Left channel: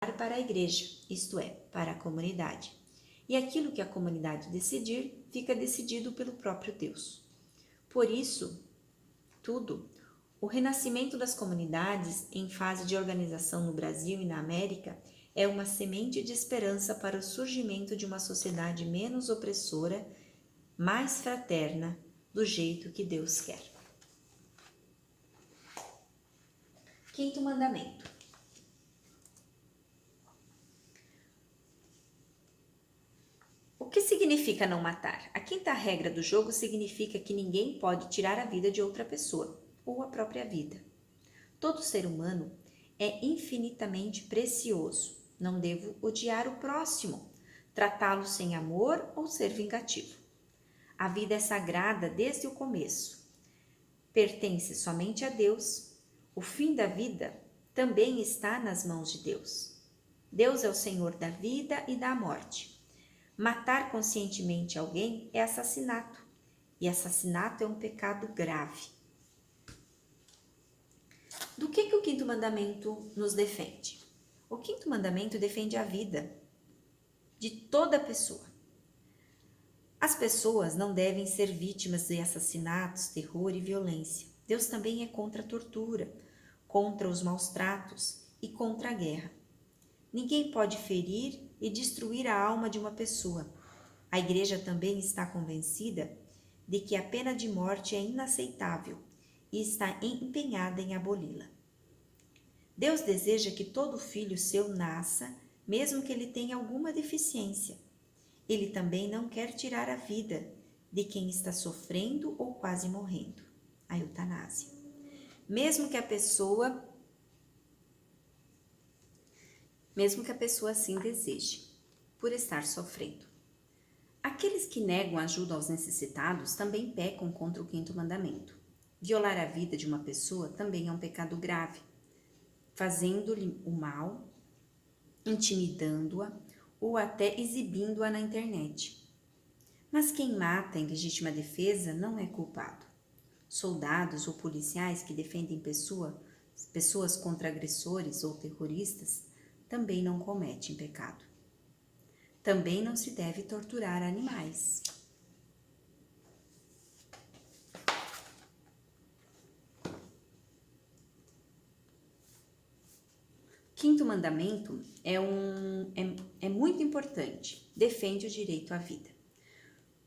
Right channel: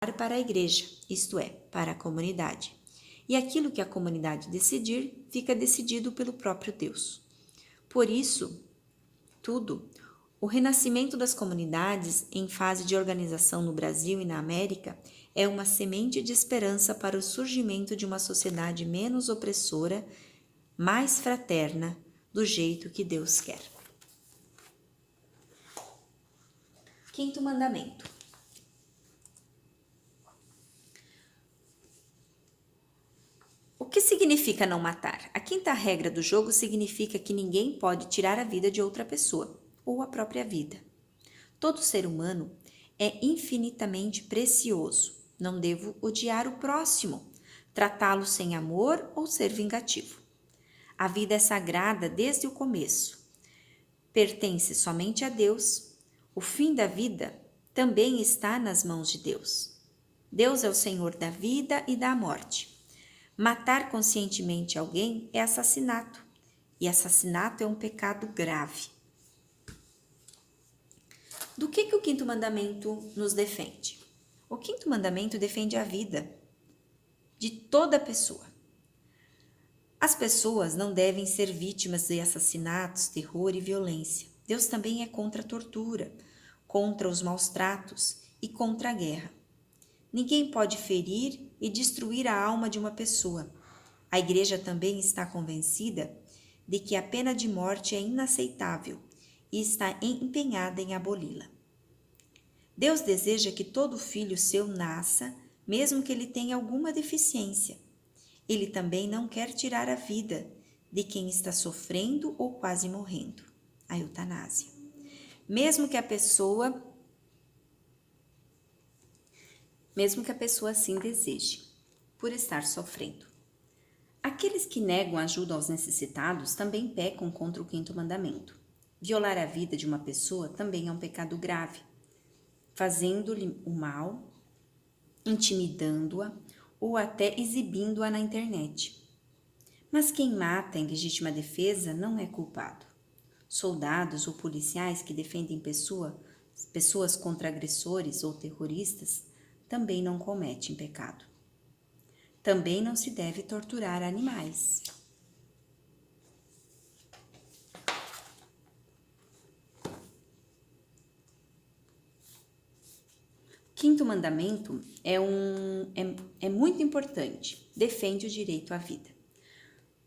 para a igreja, isto é, para a comunidade. E aquilo que a comunidade decidir, fica decidido pelo próprio Deus. Por isso, o renascimento das comunidades em fase de organização no Brasil e na América é uma semente de esperança para o surgimento de uma sociedade menos opressora, mais fraterna, do jeito que Deus quer. Quinto mandamento. O que significa não matar? A quinta regra do jogo significa que ninguém pode tirar a vida de outra pessoa, ou a própria vida. Todo ser humano é infinitamente precioso. Não devo odiar o próximo, tratá-lo sem amor ou ser vingativo. A vida é sagrada desde o começo. Pertence somente a Deus. O fim da vida também está nas mãos de Deus. Deus é o Senhor da vida e da morte. Matar conscientemente alguém é assassinato, e assassinato é um pecado grave. Do que o quinto mandamento nos defende? O quinto mandamento defende a vida de toda pessoa. As pessoas não devem ser vítimas de assassinatos, terror e violência. Deus também é contra a tortura, contra os maus tratos e contra a guerra. Ninguém pode ferir e destruir a alma de uma pessoa. A Igreja também está convencida de que a pena de morte é inaceitável e está empenhada em aboli-la. Deus deseja que todo filho seu nasça, mesmo que ele tenha alguma deficiência. Ele também não quer tirar a vida de quem está sofrendo ou quase morrendo, a eutanásia. Mesmo que a pessoa assim deseje, por estar sofrendo. Aqueles que negam ajuda aos necessitados também pecam contra o quinto mandamento. Violar a vida de uma pessoa também é um pecado grave, fazendo-lhe o mal, intimidando-a ou até exibindo-a na internet. Mas quem mata em legítima defesa não é culpado. Soldados ou policiais que defendem pessoas contra agressores ou terroristas também não cometem pecado. Também não se deve torturar animais. Quinto mandamento é muito importante, defende o direito à vida.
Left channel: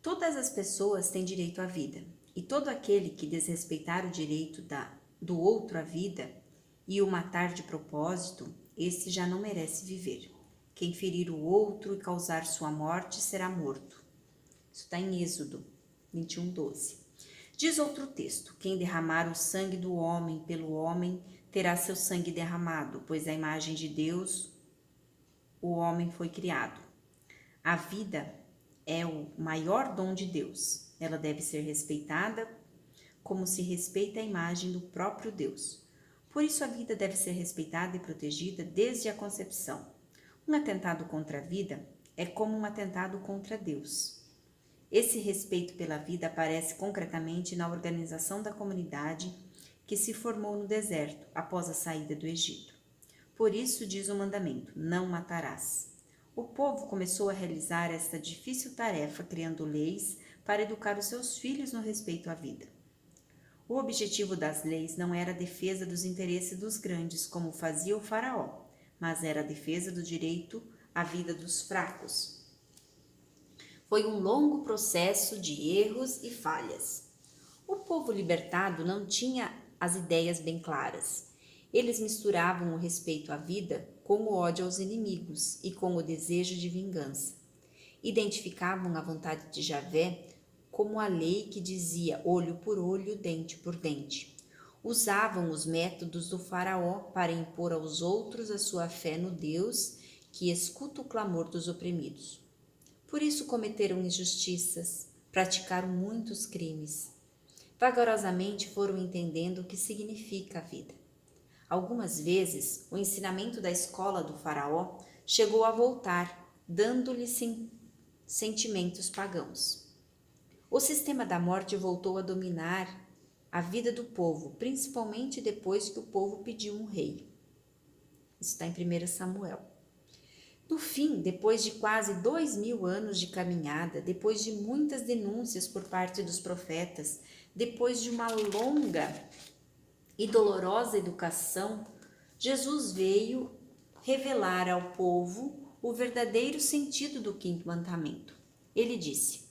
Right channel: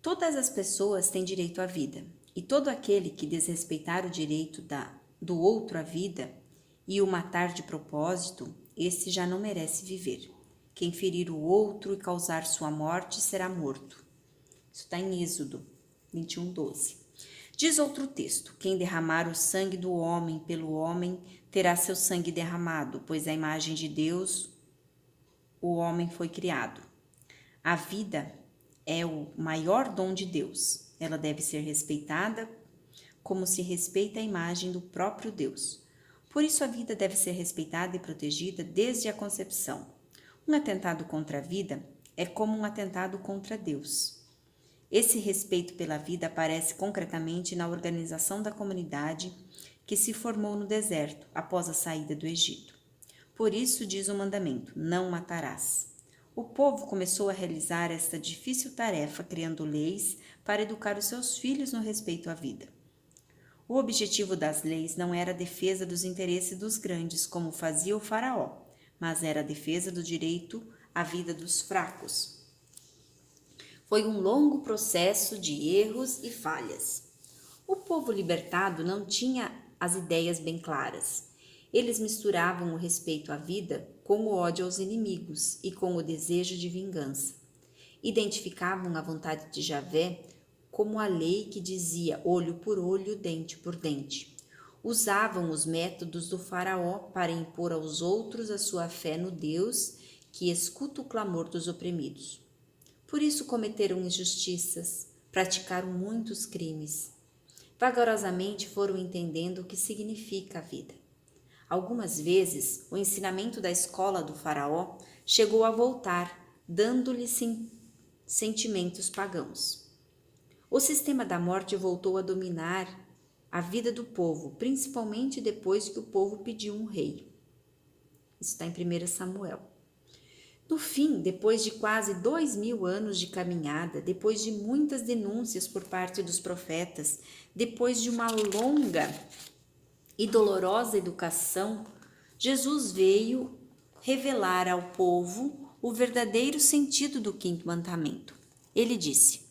Todas as pessoas têm direito à vida, e todo aquele que desrespeitar o direito do outro à vida e o matar de propósito, esse já não merece viver. Quem ferir o outro e causar sua morte será morto. Isso está em Êxodo 21:12. Diz outro texto: quem derramar o sangue do homem pelo homem terá seu sangue derramado, pois a imagem de Deus o homem foi criado. A vida é o maior dom de Deus. Ela deve ser respeitada como se respeita a imagem do próprio Deus. Por isso a vida deve ser respeitada e protegida desde a concepção. Um atentado contra a vida é como um atentado contra Deus. Esse respeito pela vida aparece concretamente na organização da comunidade que se formou no deserto após a saída do Egito. Por isso diz o mandamento: não matarás. O povo começou a realizar esta difícil tarefa criando leis para educar os seus filhos no respeito à vida. O objetivo das leis não era a defesa dos interesses dos grandes, como fazia o faraó, mas era a defesa do direito à vida dos fracos. Foi um longo processo de erros e falhas. O povo libertado não tinha as ideias bem claras. Eles misturavam o respeito à vida com o ódio aos inimigos e com o desejo de vingança. Identificavam a vontade de Javé como a lei que dizia olho por olho, dente por dente. Usavam os métodos do faraó para impor aos outros a sua fé no Deus que escuta o clamor dos oprimidos. Por isso cometeram injustiças, praticaram muitos crimes. Vagarosamente foram entendendo o que significa a vida. Algumas vezes, o ensinamento da escola do faraó chegou a voltar, dando-lhe sentimentos pagãos. O sistema da morte voltou a dominar a vida do povo, principalmente depois que o povo pediu um rei. Isso está em 1 Samuel. No fim, depois de quase 2000 anos de caminhada, depois de muitas denúncias por parte dos profetas, depois de uma longa e dolorosa educação, Jesus veio revelar ao povo o verdadeiro sentido do quinto mandamento. Ele disse:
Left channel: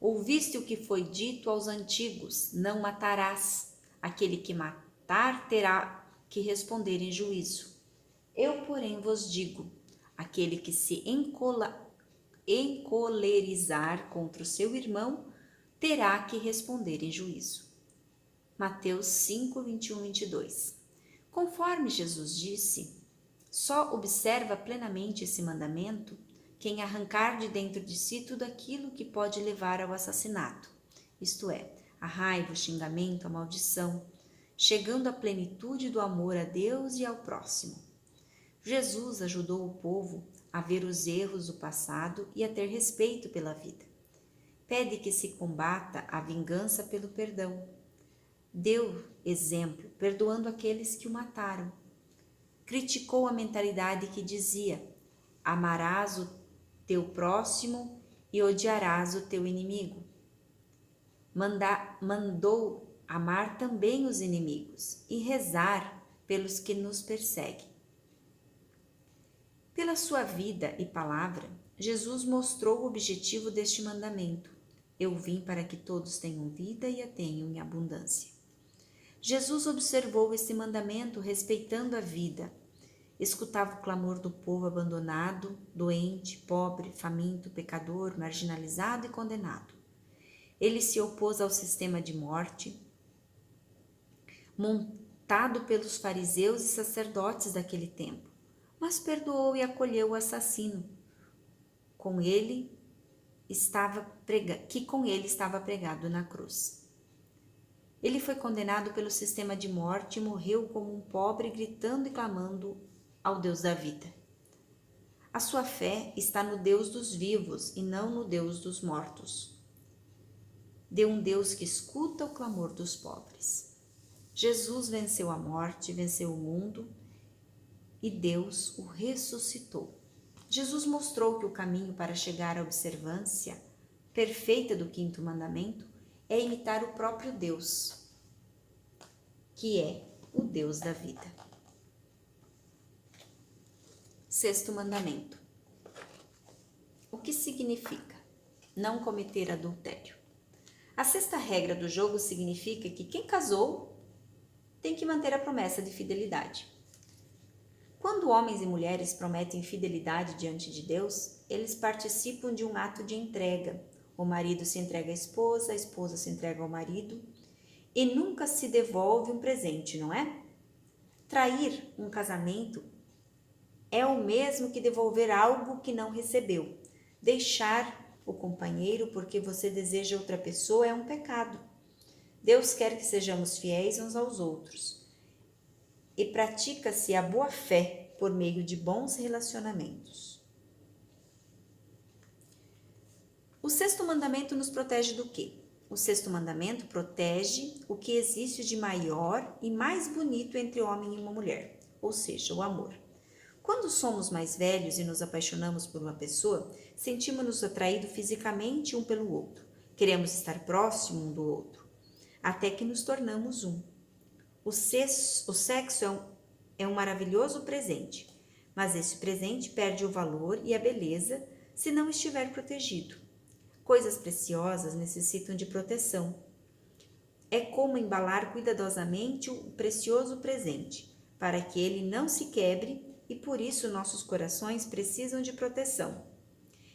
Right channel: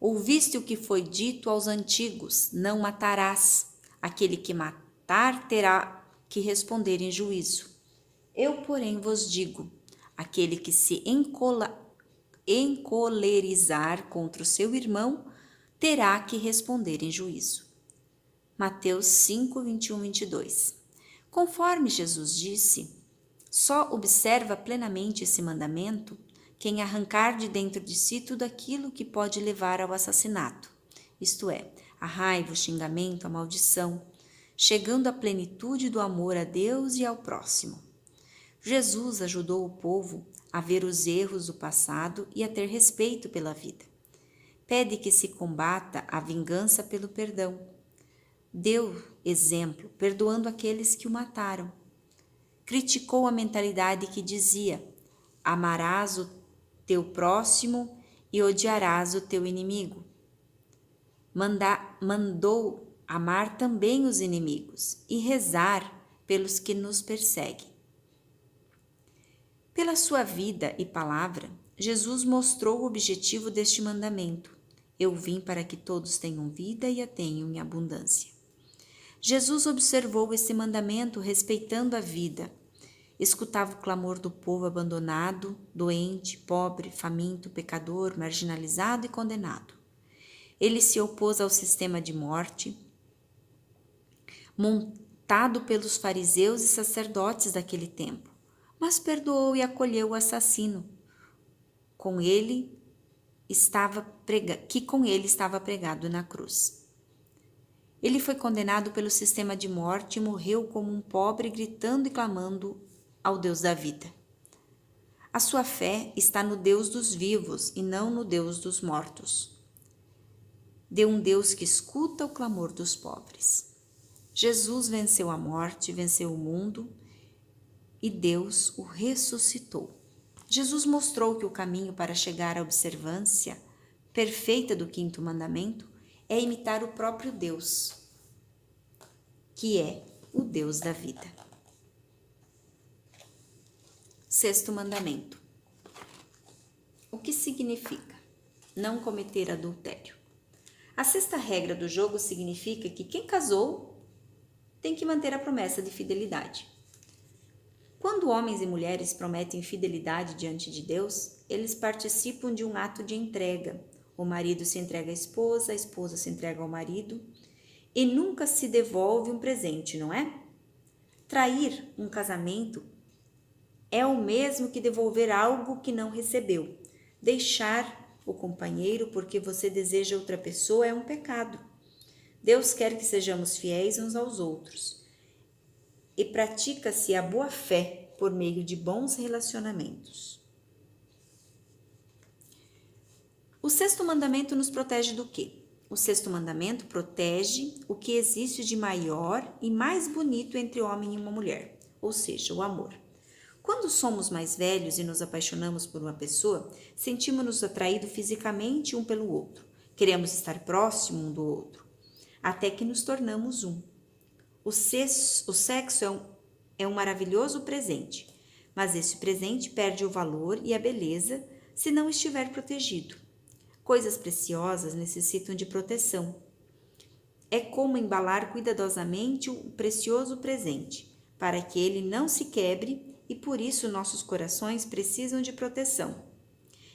Ouviste o que foi dito aos antigos: não matarás. Aquele que matar terá que responder em juízo. Eu, porém, vos digo: aquele que se encolerizar contra o seu irmão terá que responder em juízo. Mateus 5, 21, 22. Conforme Jesus disse, só observa plenamente esse mandamento quem arrancar de dentro de si tudo aquilo que pode levar ao assassinato, isto é, a raiva, o xingamento, a maldição, chegando à plenitude do amor a Deus e ao próximo. Jesus ajudou o povo a ver os erros do passado e a ter respeito pela vida. Pede que se combata a vingança pelo perdão. Deu exemplo, perdoando aqueles que o mataram. Criticou a mentalidade que dizia: amarás o teu próximo e odiarás o teu inimigo. Mandou amar também os inimigos e rezar pelos que nos perseguem. Pela sua vida e palavra, Jesus mostrou o objetivo deste mandamento. Eu vim para que todos tenham vida e a tenham em abundância. Jesus observou esse mandamento respeitando a vida. Escutava o clamor do povo abandonado, doente, pobre, faminto, pecador, marginalizado e condenado. Ele se opôs ao sistema de morte montado pelos fariseus e sacerdotes daquele tempo, mas perdoou e acolheu o assassino que com ele estava pregado na cruz. Ele foi condenado pelo sistema de morte e morreu como um pobre, gritando e clamando ao Deus da vida. A sua fé está no Deus dos vivos e não no Deus dos mortos. De um Deus que escuta o clamor dos pobres. Jesus venceu a morte, venceu o mundo e Deus o ressuscitou. Jesus mostrou que o caminho para chegar à observância perfeita do quinto mandamento é imitar o próprio Deus, que é o Deus da vida. Sexto mandamento. O que significa? Não cometer adultério. A sexta regra do jogo significa que quem casou tem que manter a promessa de fidelidade. Quando homens e mulheres prometem fidelidade diante de Deus, eles participam de um ato de entrega. O marido se entrega à esposa, a esposa se entrega ao marido e nunca se devolve um presente, não é? Trair um casamento é o mesmo que devolver algo que não recebeu. Deixar o companheiro porque você deseja outra pessoa é um pecado. Deus quer que sejamos fiéis uns aos outros. E pratica-se a boa-fé por meio de bons relacionamentos. O sexto mandamento nos protege do quê? O sexto mandamento protege o que existe de maior e mais bonito entre o homem e uma mulher, ou seja, o amor. Quando somos mais velhos e nos apaixonamos por uma pessoa, sentimos-nos atraídos fisicamente um pelo outro. Queremos estar próximo um do outro, até que nos tornamos um. O sexo é um maravilhoso presente, mas esse presente perde o valor e a beleza se não estiver protegido. Coisas preciosas necessitam de proteção. É como embalar cuidadosamente o precioso presente, para que ele não se quebre e por isso nossos corações precisam de proteção.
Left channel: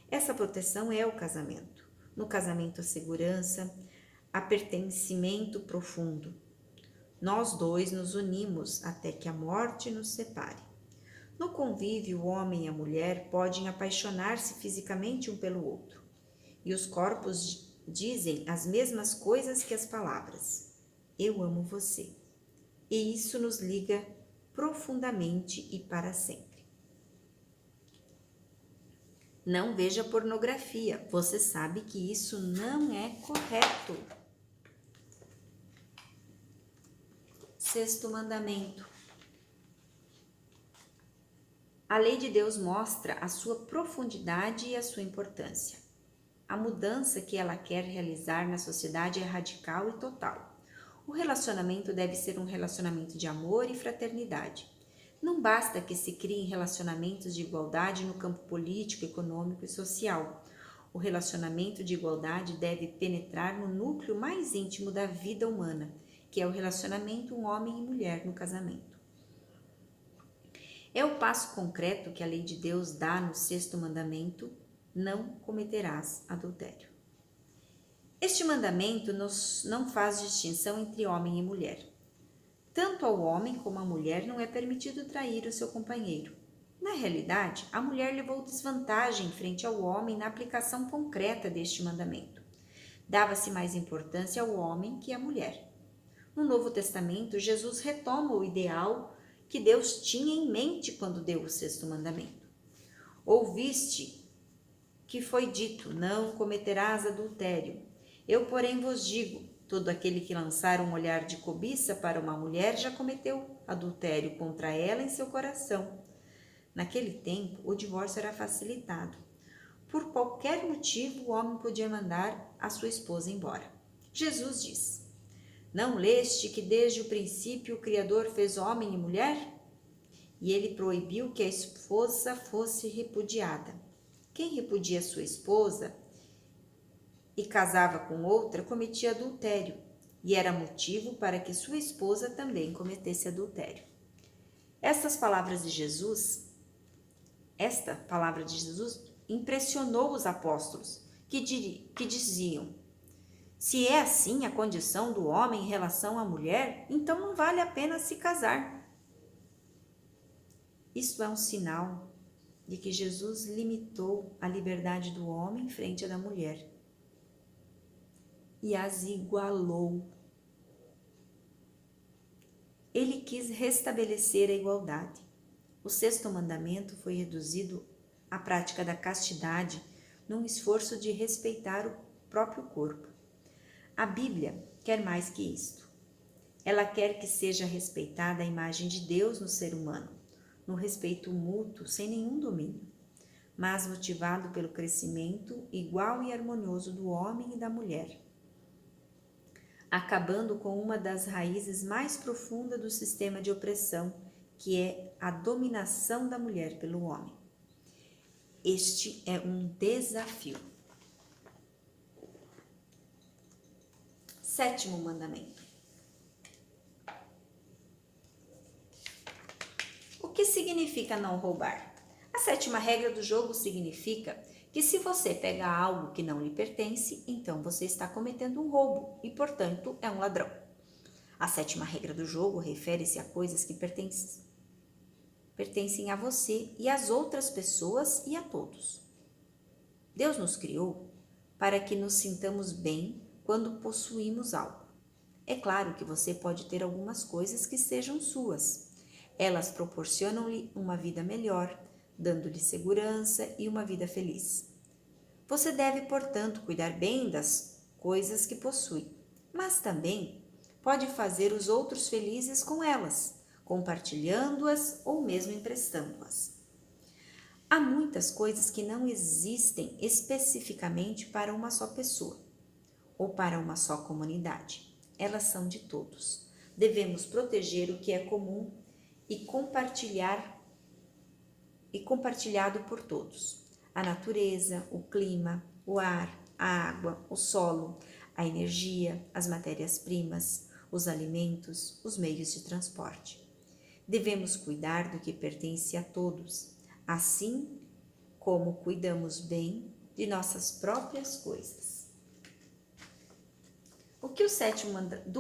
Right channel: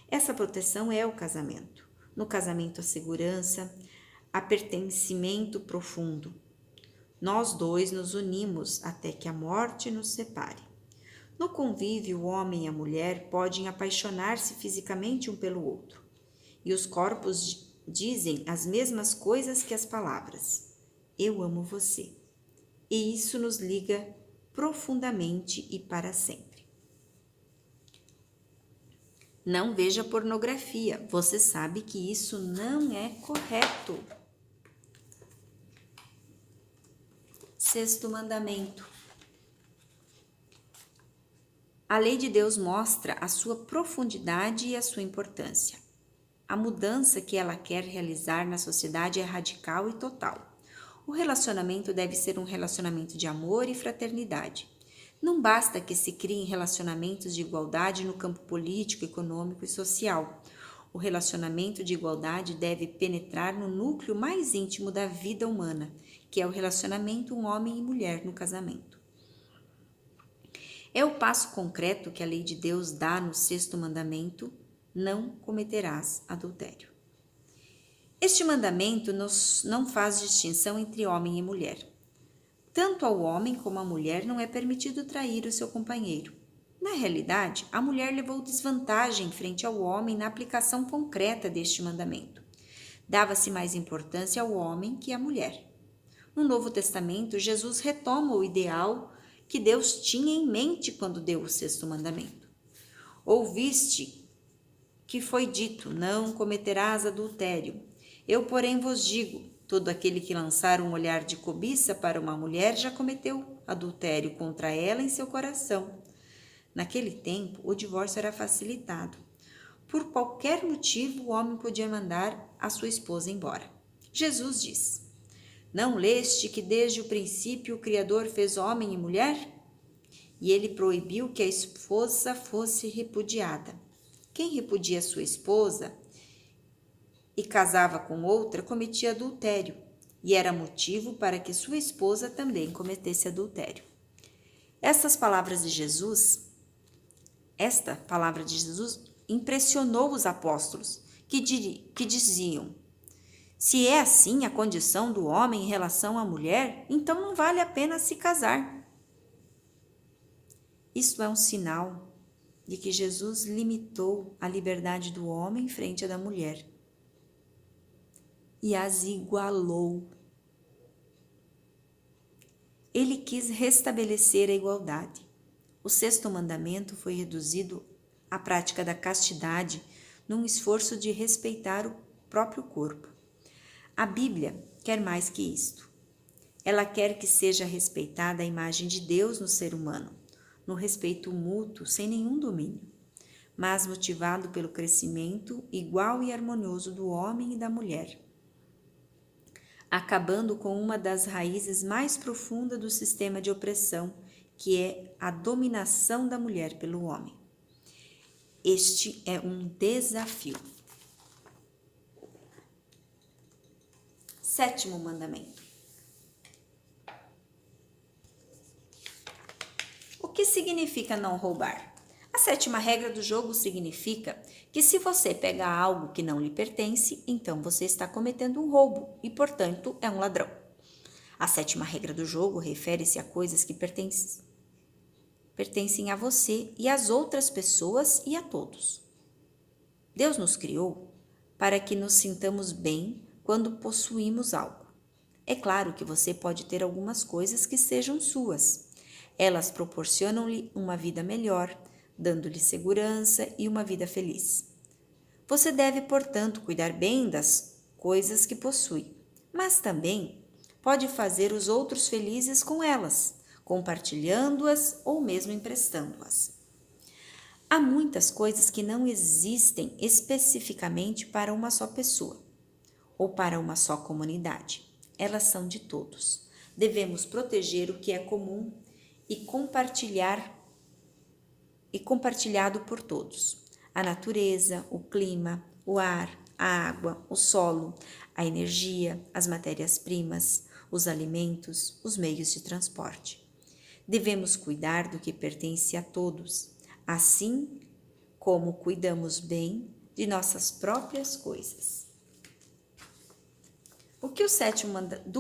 Essa proteção é o casamento. No casamento, a segurança, a pertencimento profundo. Nós dois nos unimos até que a morte nos separe. No convívio, o homem e a mulher podem apaixonar-se fisicamente um pelo outro. E os corpos dizem as mesmas coisas que as palavras. Eu amo você. E isso nos liga profundamente e para sempre. Não veja pornografia. Você sabe que isso não é correto. Sexto mandamento. A lei de Deus mostra a sua profundidade e a sua importância. A mudança que ela quer realizar na sociedade é radical e total. O relacionamento deve ser um relacionamento de amor e fraternidade. Não basta que se criem relacionamentos de igualdade no campo político, econômico e social. O relacionamento de igualdade deve penetrar no núcleo mais íntimo da vida humana, que é o relacionamento homem e mulher no casamento. É o passo concreto que a lei de Deus dá no sexto mandamento: não cometerás adultério. Este mandamento não faz distinção entre homem e mulher. Tanto ao homem como à mulher não é permitido trair o seu companheiro. Na realidade, a mulher levou desvantagem frente ao homem na aplicação concreta deste mandamento. Dava-se mais importância ao homem que à mulher. No Novo Testamento, Jesus retoma o ideal que Deus tinha em mente quando deu o sexto mandamento. Ouviste que foi dito: não cometerás adultério. Eu, porém, vos digo: todo aquele que lançar um olhar de cobiça para uma mulher já cometeu adultério contra ela em seu coração. Naquele tempo, o divórcio era facilitado. Por qualquer motivo, o homem podia mandar a sua esposa embora. Jesus diz: não leste que desde o princípio o Criador fez homem e mulher? E ele proibiu que a esposa fosse repudiada. Quem repudia sua esposa e casava com outra cometia adultério, e era motivo para que sua esposa também cometesse adultério. Esta palavra de Jesus impressionou os apóstolos, que diziam: se é assim a condição do homem em relação à mulher, então não vale a pena se casar. Isso é um sinal de que Jesus limitou a liberdade do homem frente à da mulher e as igualou. Ele quis restabelecer a igualdade. O sexto mandamento foi reduzido à prática da castidade num esforço de respeitar o próprio corpo. A Bíblia quer mais que isto. Ela quer que seja respeitada a imagem de Deus no ser humano, no respeito mútuo, sem nenhum domínio, mas motivado pelo crescimento igual e harmonioso do homem e da mulher, acabando com uma das raízes mais profundas do sistema de opressão, que é a dominação da mulher pelo homem. Este é um desafio. Sétimo mandamento. O que significa não roubar? A sétima regra do jogo significa que se você pega algo que não lhe pertence, então você está cometendo um roubo e, portanto, é um ladrão. A sétima regra do jogo refere-se a coisas que pertencem a você e às outras pessoas e a todos. Deus nos criou para que nos sintamos bem quando possuímos algo. É claro que você pode ter algumas coisas que sejam suas. Elas proporcionam-lhe uma vida melhor, dando-lhe segurança e uma vida feliz. Você deve, portanto, cuidar bem das coisas que possui, mas também pode fazer os outros felizes com elas, compartilhando-as ou mesmo emprestando-as. Há muitas coisas que não existem especificamente para uma só pessoa ou para uma só comunidade. Elas são de todos. Devemos proteger o que é comum e compartilhado por todos. A natureza, o clima, o ar, a água, o solo, a energia, as matérias-primas, os alimentos, os meios de transporte. Devemos cuidar do que pertence a todos, assim como cuidamos bem de nossas próprias coisas. Do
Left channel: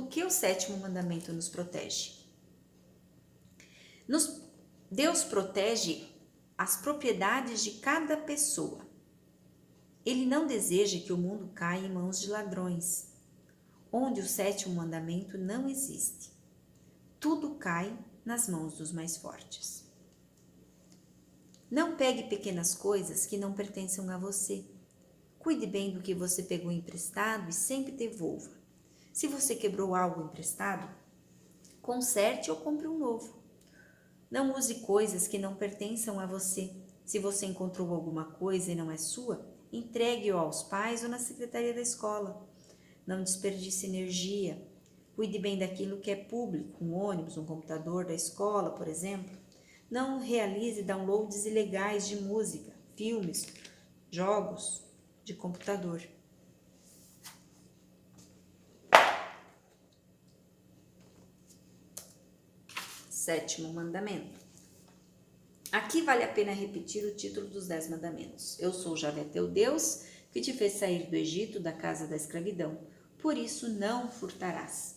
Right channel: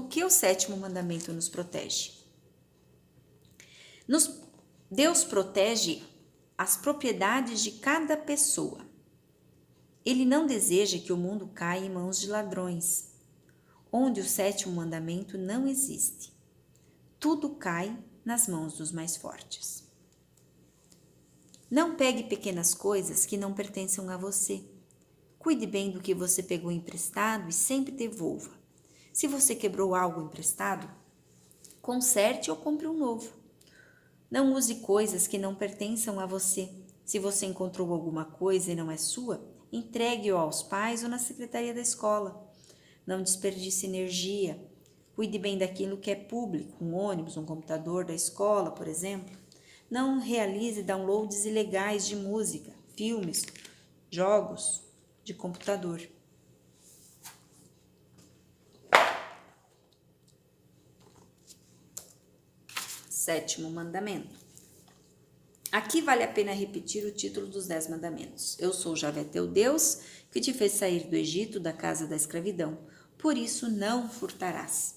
que o sétimo mandamento nos protege? Deus protege as propriedades de cada pessoa. Ele não deseja que o mundo caia em mãos de ladrões, onde o sétimo mandamento não existe. Tudo cai nas mãos dos mais fortes. Não pegue pequenas coisas que não pertençam a você. Cuide bem do que você pegou emprestado e sempre devolva. Se você quebrou algo emprestado, conserte ou compre um novo. Não use coisas que não pertençam a você. Se você encontrou alguma coisa e não é sua, entregue-o aos pais ou na secretaria da escola. Não desperdice energia. Cuide bem daquilo que é público, um ônibus, um computador da escola, por exemplo. Não realize downloads ilegais de música, filmes, jogos de computador. Sétimo mandamento. Aqui vale a pena repetir o título dos 10 mandamentos. Eu sou Javé teu Deus, que te fez sair do Egito, da casa da escravidão. Por isso não furtarás.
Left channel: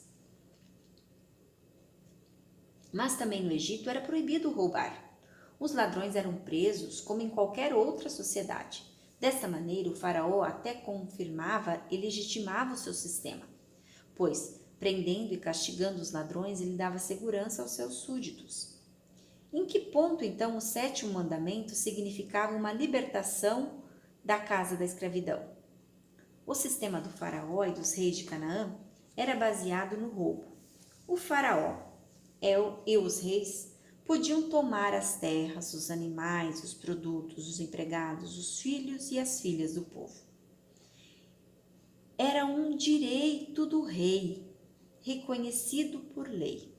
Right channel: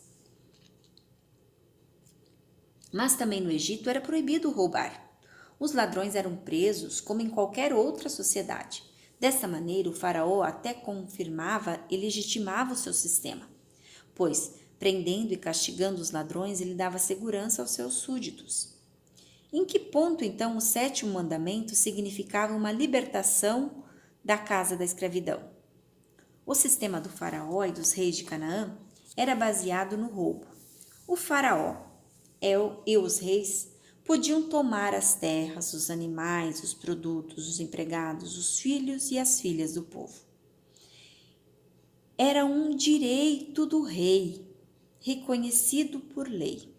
Mas também no Egito era proibido roubar. Os ladrões eram presos como em qualquer outra sociedade. Dessa maneira, o faraó até confirmava e legitimava o seu sistema, pois, prendendo e castigando os ladrões, ele dava segurança aos seus súditos. Em que ponto, então, o sétimo mandamento significava uma libertação da casa da escravidão? O sistema do faraó e dos reis de Canaã era baseado no roubo. O faraó e os reis podiam tomar as terras, os animais, os produtos, os empregados, os filhos e as filhas do povo. Era um direito do rei, reconhecido por lei.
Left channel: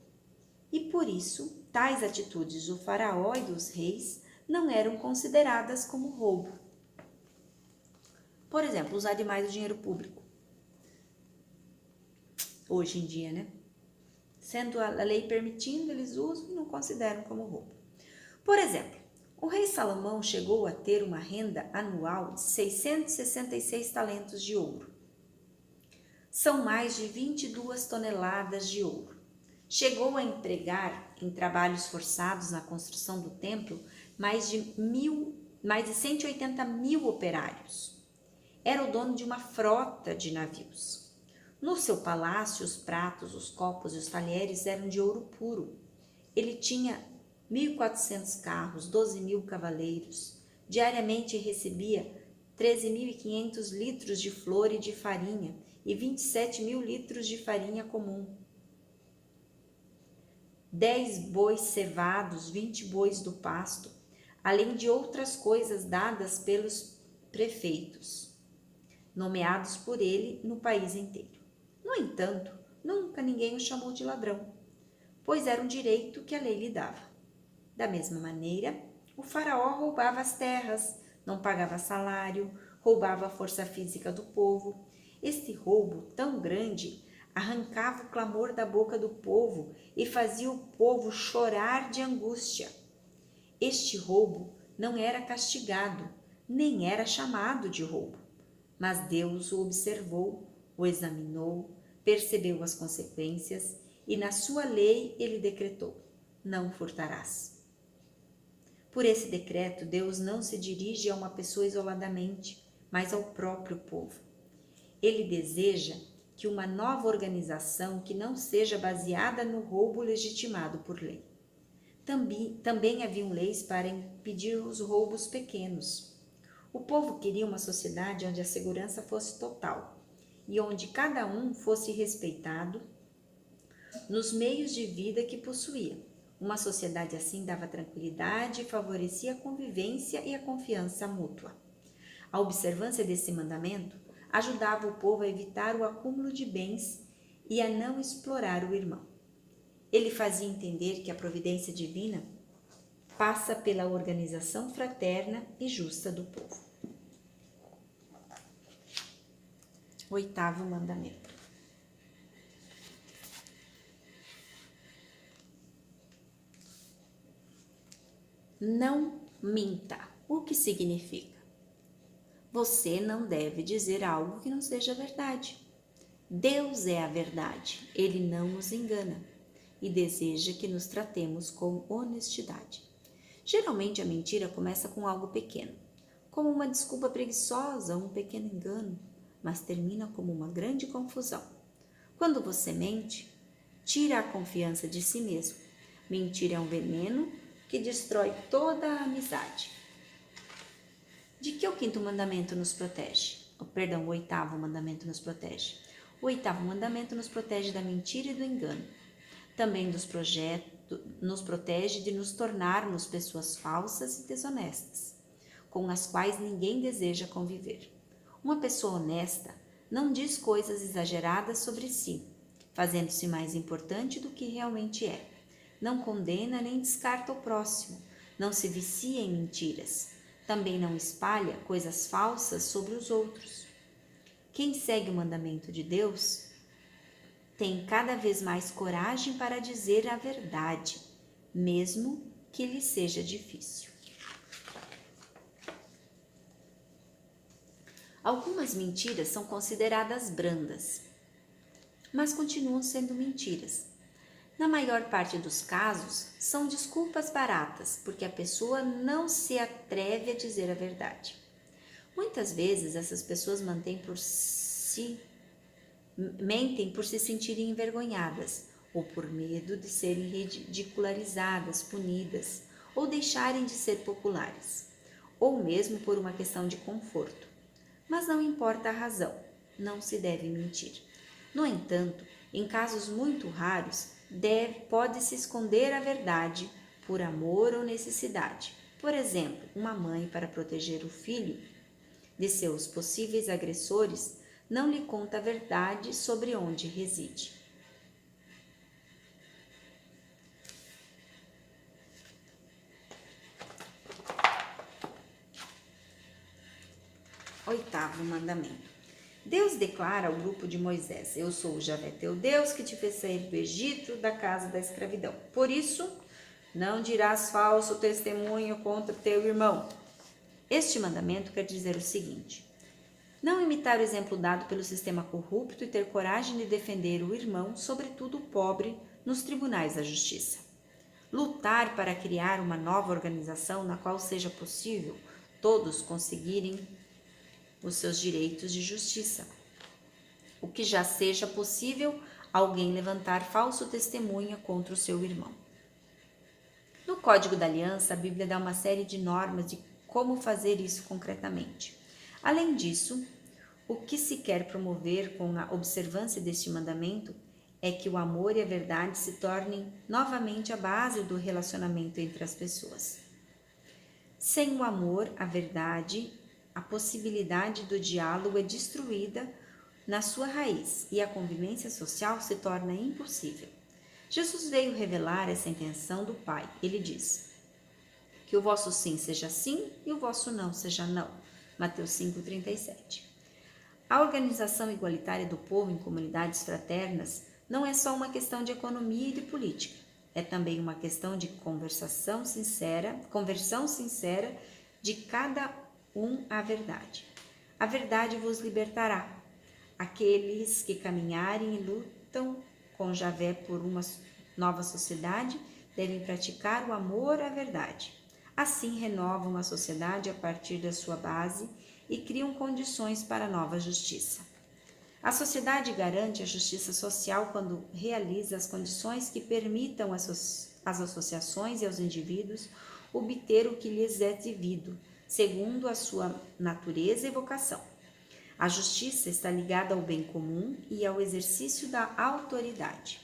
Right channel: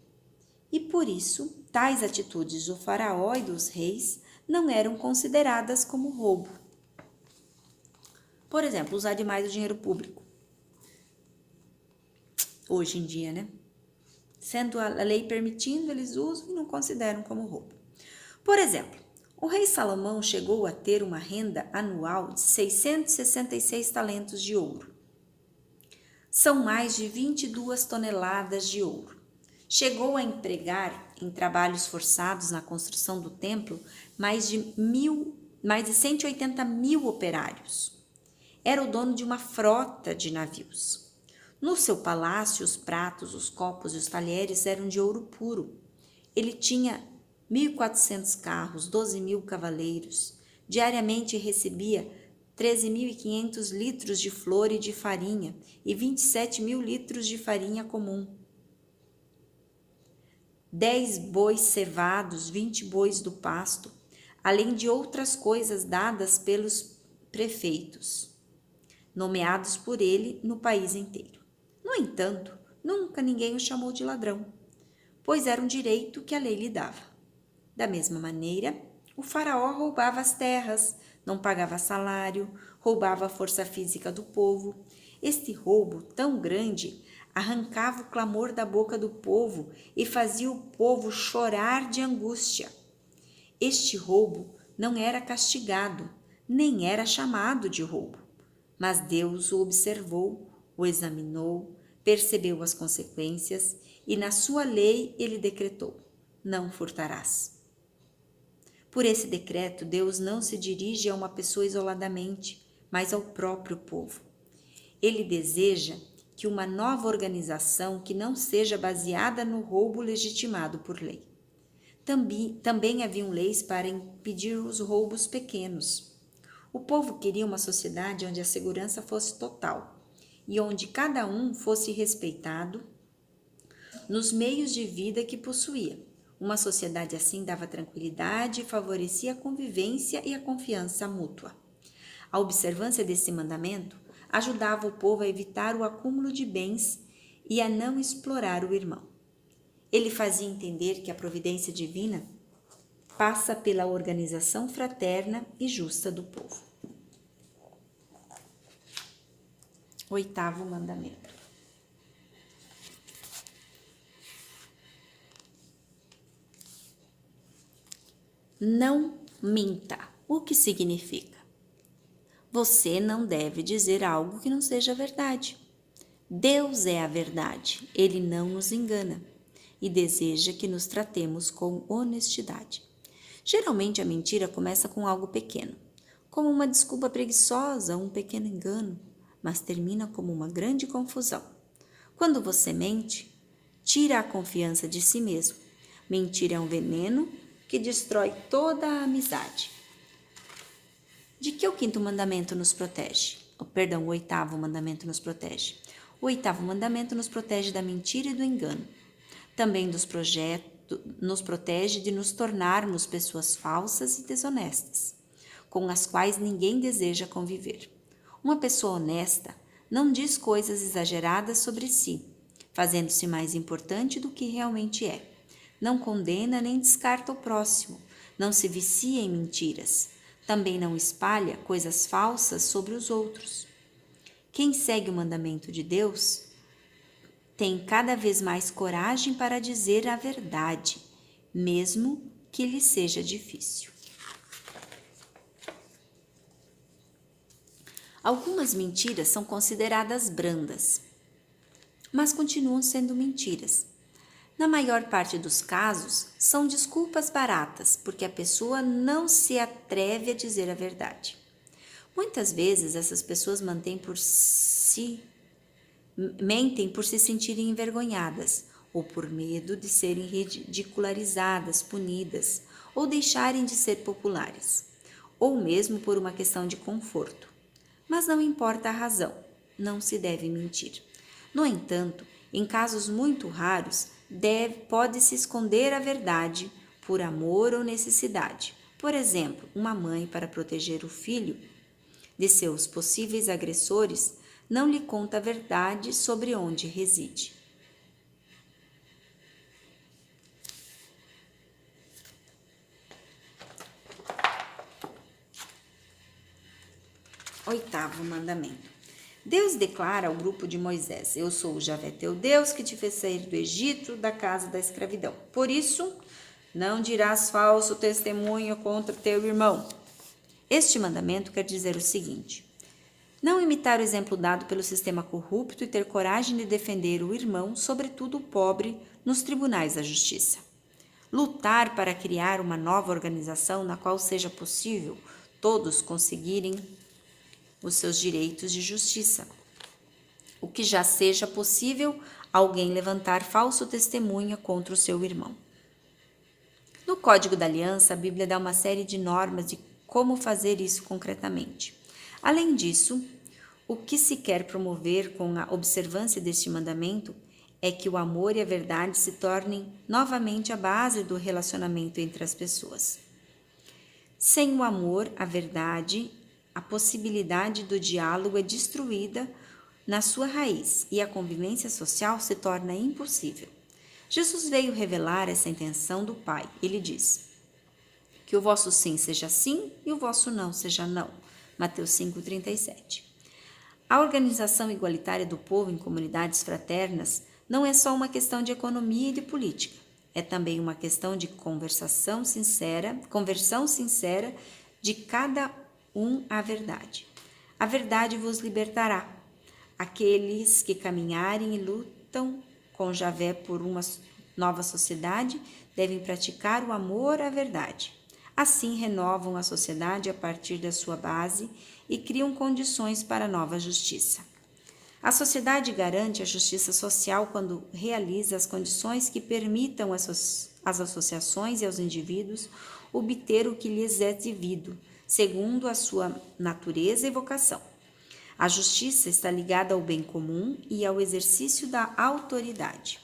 E por isso, tais atitudes do faraó e dos reis não eram consideradas como roubo. Por exemplo, usar demais o dinheiro público. Hoje em dia, né? Sendo a lei permitindo, eles usam e não consideram como roubo. Por exemplo, o rei Salomão chegou a ter uma renda anual de 666 talentos de ouro. São mais de 22 toneladas de ouro. Chegou a empregar em trabalhos forçados na construção do templo mais de 180 mil operários. Era o dono de uma frota de navios. No seu palácio, os pratos, os copos e os talheres eram de ouro puro. Ele tinha 1.400 carros, 12.000 cavaleiros. Diariamente recebia 13.500 litros de flor e de farinha e 27.000 litros de farinha comum. 10 bois cevados, 20 bois do pasto, além de outras coisas dadas pelos prefeitos, nomeados por ele no país inteiro. No entanto, nunca ninguém o chamou de ladrão, pois era um direito que a lei lhe dava. Da mesma maneira, o faraó roubava as terras, não pagava salário, roubava a força física do povo. Este roubo tão grande arrancava o clamor da boca do povo e fazia o povo chorar de angústia. Este roubo não era castigado, nem era chamado de roubo, mas Deus o observou, o examinou, percebeu as consequências e na sua lei ele decretou: não furtarás. Por esse decreto, Deus não se dirige a uma pessoa isoladamente, mas ao próprio povo. Ele deseja que uma nova organização que não seja baseada no roubo legitimado por lei. Também haviam leis para impedir os roubos pequenos. O povo queria uma sociedade onde a segurança fosse total e onde cada um fosse respeitado nos meios de vida que possuía. Uma sociedade assim dava tranquilidade e favorecia a convivência e a confiança mútua. A observância desse mandamento ajudava o povo a evitar o acúmulo de bens e a não explorar o irmão. Ele fazia entender que a providência divina passa pela organização fraterna e justa do povo. Oitavo mandamento. Não minta. O que significa? Você não deve dizer algo que não seja verdade. Deus é a verdade, Ele não nos engana e deseja que nos tratemos com honestidade. Geralmente a mentira começa com algo pequeno, como uma desculpa preguiçosa, um pequeno engano, mas termina como uma grande confusão. Quando você mente, tira a confiança de si mesmo. Mentir é um veneno que destrói toda a amizade. De que o quinto mandamento nos protege? O oitavo mandamento nos protege. O oitavo mandamento nos protege da mentira e do engano, também dos nos protege de nos tornarmos pessoas falsas e desonestas, com as quais ninguém deseja conviver. Uma pessoa honesta não diz coisas exageradas sobre si, fazendo-se mais importante do que realmente é. Não condena nem descarta o próximo, não se vicia em mentiras, também não espalha coisas falsas sobre os outros. Quem segue o mandamento de Deus tem cada vez mais coragem para dizer a verdade, mesmo que lhe seja difícil. Algumas mentiras são consideradas brandas, mas continuam sendo mentiras. Na maior parte dos casos, são desculpas baratas, porque a pessoa não se atreve a dizer a verdade. Muitas vezes, essas pessoas mentem por se sentirem envergonhadas, ou por medo de serem ridicularizadas, punidas, ou deixarem de ser populares, ou mesmo por uma questão de conforto. Mas não importa a razão, não se deve mentir. No entanto, em casos muito raros, pode-se esconder a verdade por amor ou necessidade. Por exemplo, uma mãe, para proteger o filho de seus possíveis agressores, não lhe conta a verdade sobre onde reside. Oitavo mandamento. Deus declara ao grupo de Moisés: Eu sou o Javé teu Deus, que te fez sair do Egito, da casa da escravidão. Por isso, não dirás falso testemunho contra teu irmão. Este mandamento quer dizer o seguinte: não imitar o exemplo dado pelo sistema corrupto e ter coragem de defender o irmão, sobretudo o pobre, nos tribunais da justiça. Lutar para criar uma nova organização na qual seja possível todos conseguirem os seus direitos de justiça. O que já seja possível alguém levantar falso testemunha contra o seu irmão. No Código da Aliança, a Bíblia dá uma série de normas de como fazer isso concretamente. Além disso, o que se quer promover com a observância deste mandamento é que o amor e a verdade se tornem novamente a base do relacionamento entre as pessoas. Sem o amor, a verdade, a possibilidade do diálogo é destruída na sua raiz e a convivência social se torna impossível. Jesus veio revelar essa intenção do Pai. Ele diz: que o vosso sim seja sim e o vosso não seja não. Mateus 5,37. A organização igualitária do povo em comunidades fraternas não é só uma questão de economia e de política. É também uma questão de conversão sincera de cada um à verdade. A verdade vos libertará. Aqueles que caminharem e lutam com Javé por uma nova sociedade devem praticar o amor à verdade. Assim renovam a sociedade a partir da sua base e criam condições para a nova justiça. A sociedade garante a justiça social quando realiza as condições que permitam às associações e aos indivíduos obter o que lhes é devido, segundo a sua natureza e vocação. A justiça está ligada ao bem comum e ao exercício da autoridade.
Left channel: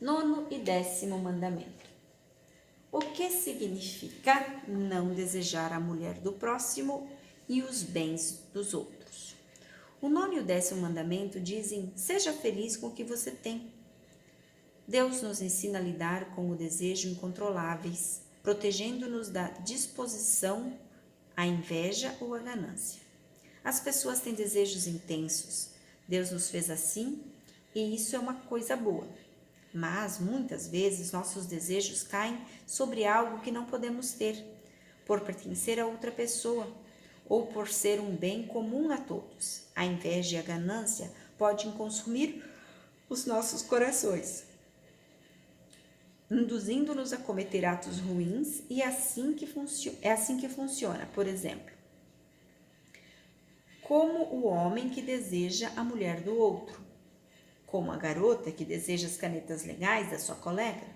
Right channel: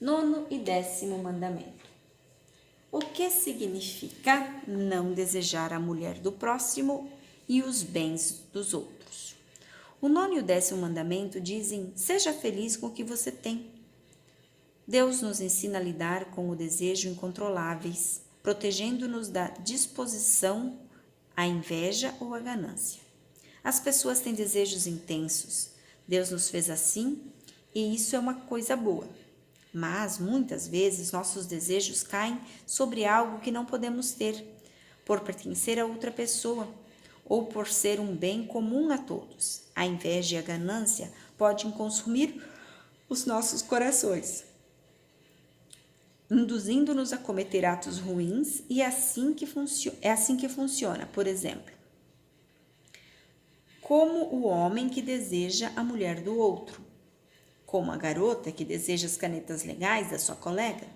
9º e 10º mandamento. O que significa não desejar a mulher do próximo e os bens dos outros? O 9º e o 10º mandamento dizem: seja feliz com o que você tem. Deus nos ensina a lidar com o desejo incontroláveis, protegendo-nos da disposição à inveja ou à ganância. As pessoas têm desejos intensos. Deus nos fez assim e isso é uma coisa boa. Mas, muitas vezes, nossos desejos caem sobre algo que não podemos ter, por pertencer a outra pessoa ou por ser um bem comum a todos. A inveja e a ganância podem consumir os nossos corações, induzindo-nos a cometer atos ruins, e é assim que funciona. Por exemplo, como o homem que deseja a mulher do outro, como a garota que deseja as canetas legais da sua colega,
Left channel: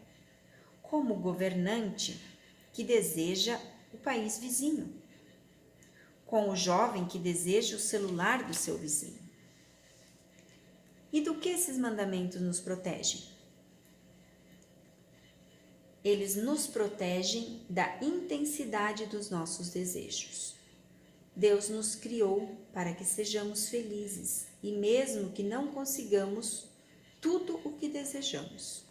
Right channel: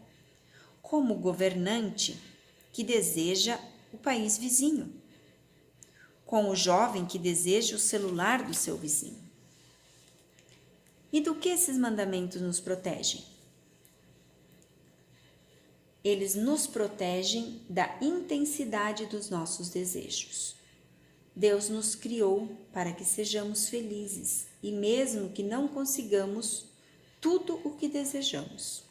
como o governante que deseja o país vizinho, com o jovem que deseja o celular do seu vizinho. E do que esses mandamentos nos protegem? Eles nos protegem da intensidade dos nossos desejos. Deus nos criou para que sejamos felizes e mesmo que não consigamos tudo o que desejamos.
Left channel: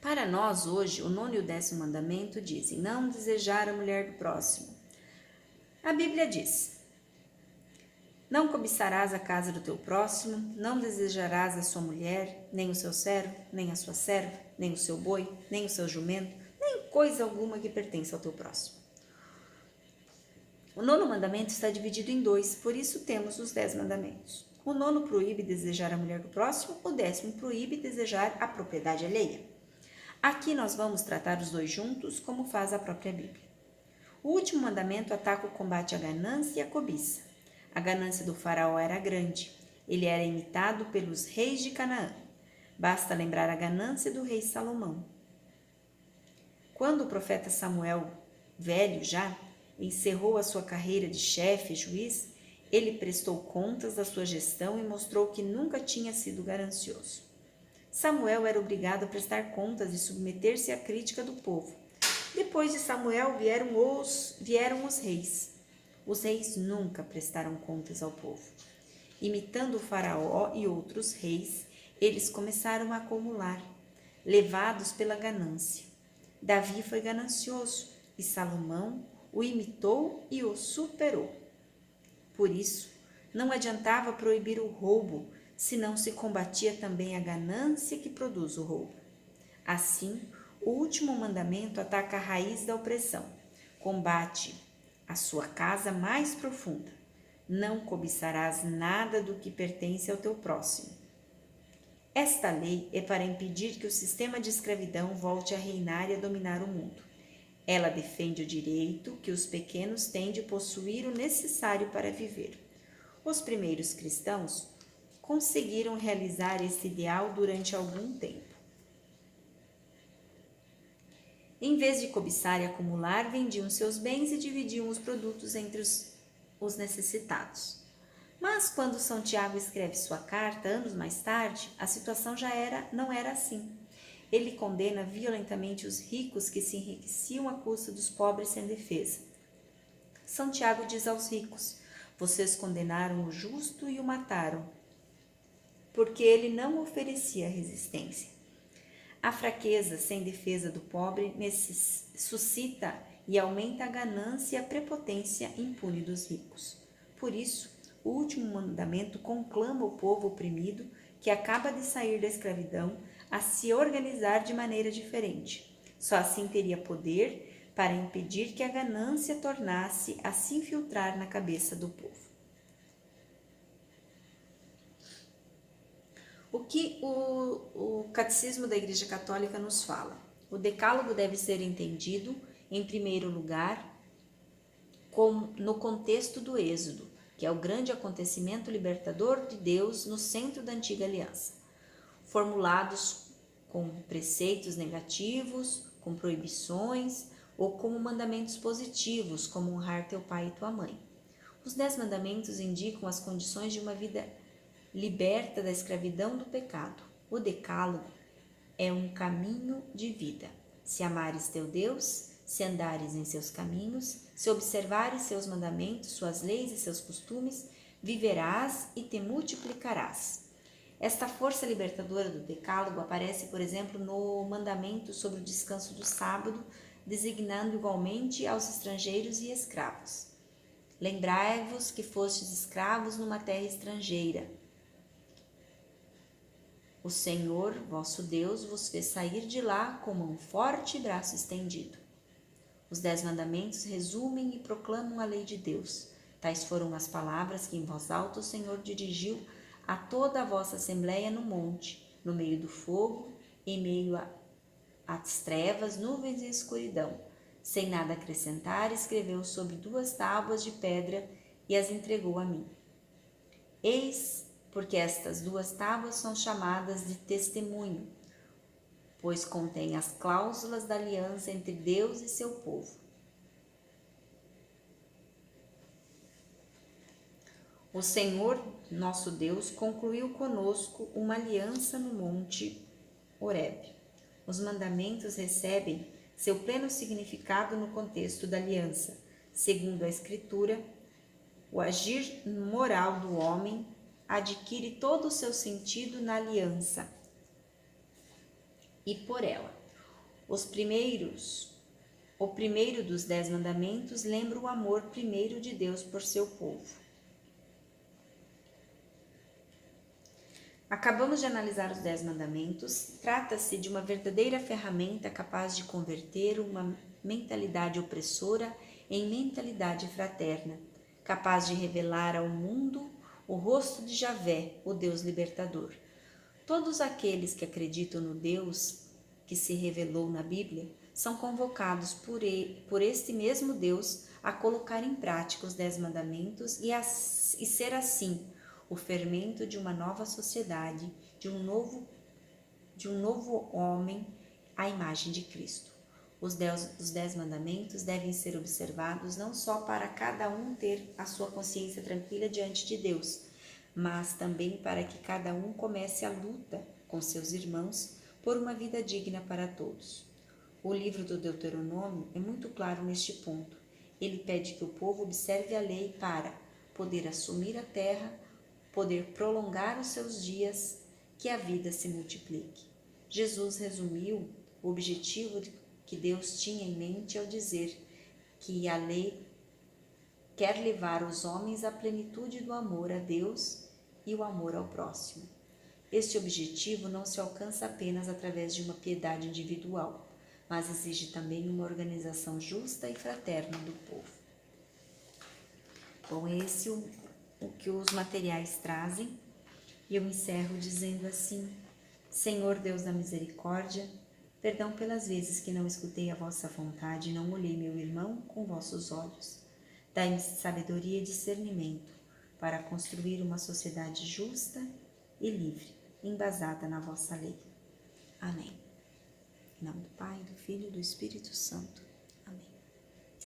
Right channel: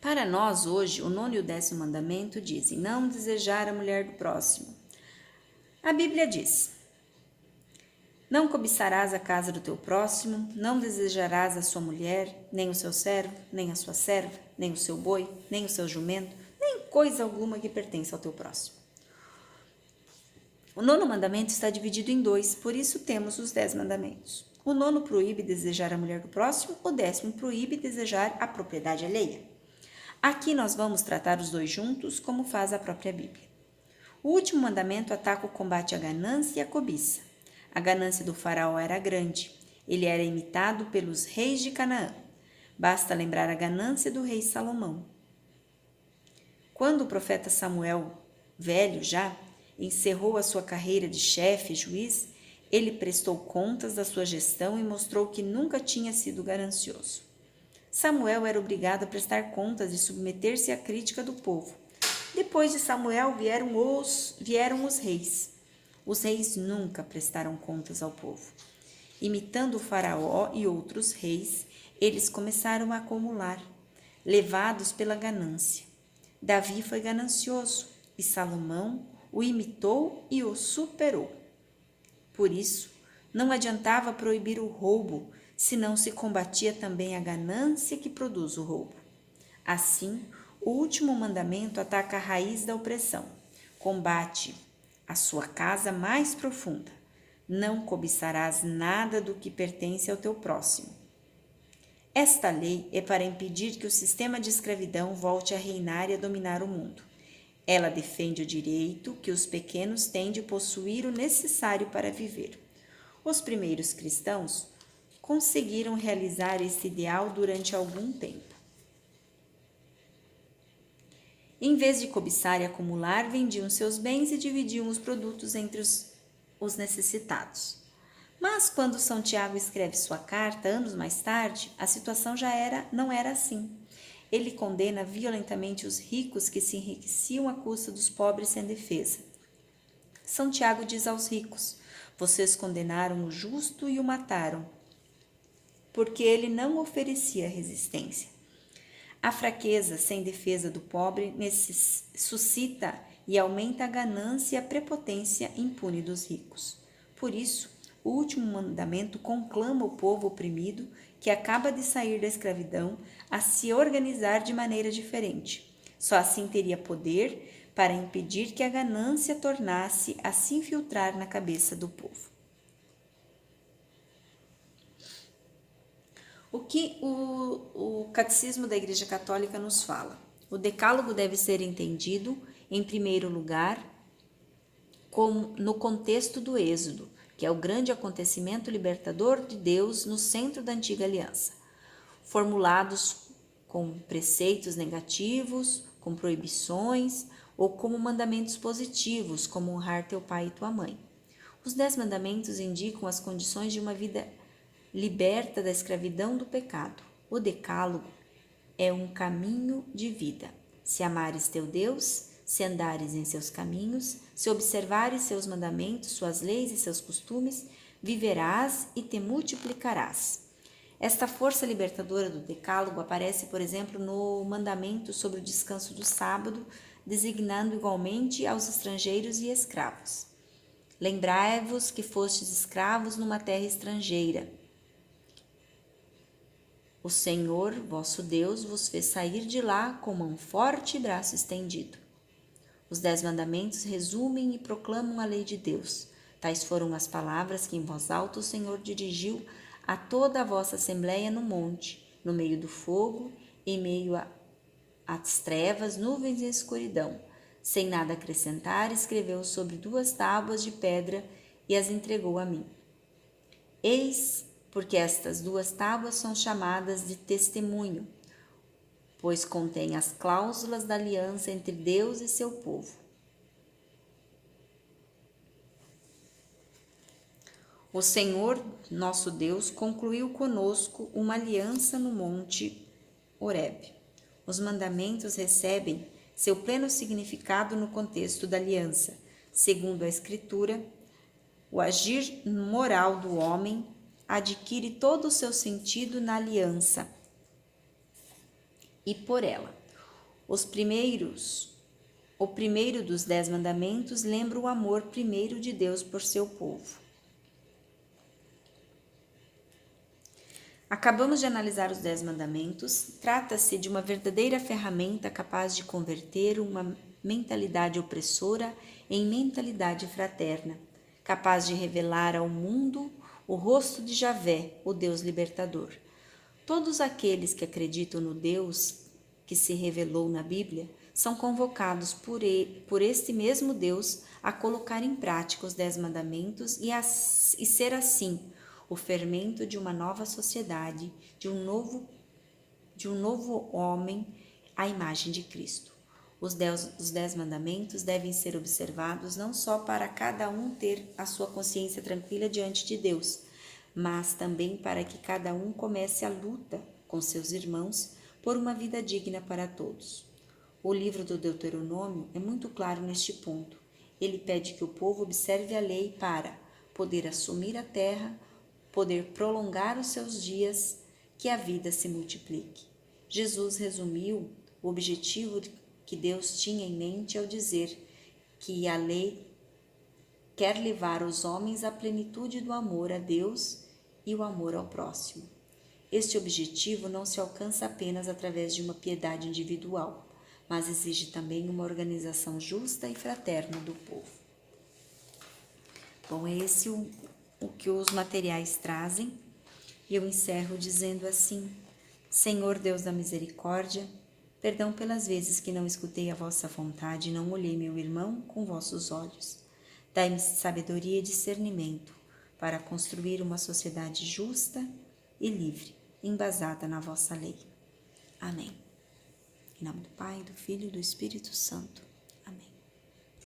Para nós, hoje, o 9º e o 10º mandamento dizem: não desejar a mulher do próximo. A Bíblia diz: não cobiçarás a casa do teu próximo, não desejarás a sua mulher, nem o seu servo, nem a sua serva, nem o seu boi, nem o seu jumento, nem coisa alguma que pertença ao teu próximo. O 9º mandamento está dividido em 2, por isso temos os 10 mandamentos. O 9º proíbe desejar a mulher do próximo, o 10º proíbe desejar a propriedade alheia. Aqui nós vamos tratar os 2 juntos, como faz a própria Bíblia. O último mandamento ataca o combate à ganância e à cobiça. A ganância do faraó era grande. Ele era imitado pelos reis de Canaã. Basta lembrar a ganância do rei Salomão. Quando o profeta Samuel, velho já, encerrou a sua carreira de chefe e juiz, ele prestou contas da sua gestão e mostrou que nunca tinha sido ganancioso. Samuel era obrigado a prestar contas e submeter-se à crítica do povo. Depois de Samuel vieram os reis. Os reis nunca prestaram contas ao povo. Imitando o faraó e outros reis, eles começaram a acumular, levados pela ganância. Davi foi ganancioso e Salomão o imitou e o superou. Por isso, não adiantava proibir o roubo, se não se combatia também a ganância que produz o roubo. Assim, o último mandamento ataca a raiz da opressão, combate a sua casa mais profunda. Não cobiçarás nada do que pertence ao teu próximo. Esta lei é para impedir que o sistema de escravidão volte a reinar e a dominar o mundo. Ela defende o direito que os pequenos têm de possuir o necessário para viver. Os primeiros cristãos conseguiram realizar esse ideal durante algum tempo. Em vez de cobiçar e acumular, vendiam seus bens e dividiam os produtos entre os necessitados. Mas quando São Tiago escreve sua carta, anos mais tarde, a situação não era assim. Ele condena violentamente os ricos que se enriqueciam à custa dos pobres sem defesa. São Tiago diz aos ricos: vocês condenaram o justo e o mataram, porque ele não oferecia resistência. A fraqueza sem defesa do pobre suscita e aumenta a ganância e a prepotência impune dos ricos. Por isso, o último mandamento conclama o povo oprimido, que acaba de sair da escravidão, a se organizar de maneira diferente. Só assim teria poder para impedir que a ganância tornasse a se infiltrar na cabeça do povo. O que o Catecismo da Igreja Católica nos fala? O Decálogo deve ser entendido, em primeiro lugar, no contexto do Êxodo, que é o grande acontecimento libertador de Deus no centro da antiga aliança, formulados com preceitos negativos, com proibições ou como mandamentos positivos, como honrar teu pai e tua mãe. Os 10 mandamentos indicam as condições de uma vida liberta da escravidão do pecado. O Decálogo é um caminho de vida. Se amares teu Deus, se andares em seus caminhos, se observares seus mandamentos, suas leis e seus costumes, viverás e te multiplicarás. Esta força libertadora do Decálogo aparece, por exemplo, no mandamento sobre o descanso do sábado, designando igualmente aos estrangeiros e escravos. Lembrai-vos que fostes escravos numa terra estrangeira. O Senhor, vosso Deus, vos fez sair de lá com mão forte e braço estendido. Os 10 mandamentos resumem e proclamam a lei de Deus. Tais foram as palavras que em voz alta o Senhor dirigiu a toda a vossa assembleia no monte, no meio do fogo, em meio às trevas, nuvens e escuridão. Sem nada acrescentar, escreveu sobre 2 tábuas de pedra e as entregou a mim. Eis porque estas 2 tábuas são chamadas de testemunho, pois contém as cláusulas da aliança entre Deus e seu povo. O Senhor, nosso Deus, concluiu conosco uma aliança no monte Horebe. Os mandamentos recebem seu pleno significado no contexto da aliança. Segundo a Escritura, o agir moral do homem adquire todo o seu sentido na aliança e por ela. O primeiro dos 10 mandamentos lembra o amor primeiro de Deus por seu povo. Acabamos de analisar os 10 mandamentos. Trata-se de uma verdadeira ferramenta capaz de converter uma mentalidade opressora em mentalidade fraterna, capaz de revelar ao mundo o rosto de Javé, o Deus libertador. Todos aqueles que acreditam no Deus que se revelou na Bíblia são convocados por este mesmo Deus a colocar em prática os 10 mandamentos e ser assim o fermento de uma nova sociedade, de um novo homem à imagem de Cristo. Os 10 mandamentos devem ser observados não só para cada um ter a sua consciência tranquila diante de Deus, mas também para que cada um comece a luta com seus irmãos por uma vida digna para todos. O livro do Deuteronômio é muito claro neste ponto. Ele pede que o povo observe a lei para poder assumir a terra, poder prolongar os seus dias, que a vida se multiplique. Jesus resumiu o objetivo que Deus tinha em mente ao dizer que a lei quer levar os homens à plenitude do amor a Deus e o amor ao próximo. Este objetivo não se alcança apenas através de uma piedade individual, mas exige também uma organização justa e fraterna do povo. Bom, esse é o que os materiais trazem, e eu encerro dizendo assim: Senhor Deus da misericórdia, perdão pelas vezes que não escutei a vossa vontade e não olhei meu irmão com vossos olhos. Dai-me sabedoria e discernimento para construir uma sociedade justa e livre, embasada na vossa lei. Amém. Em nome do Pai, do Filho e do Espírito Santo.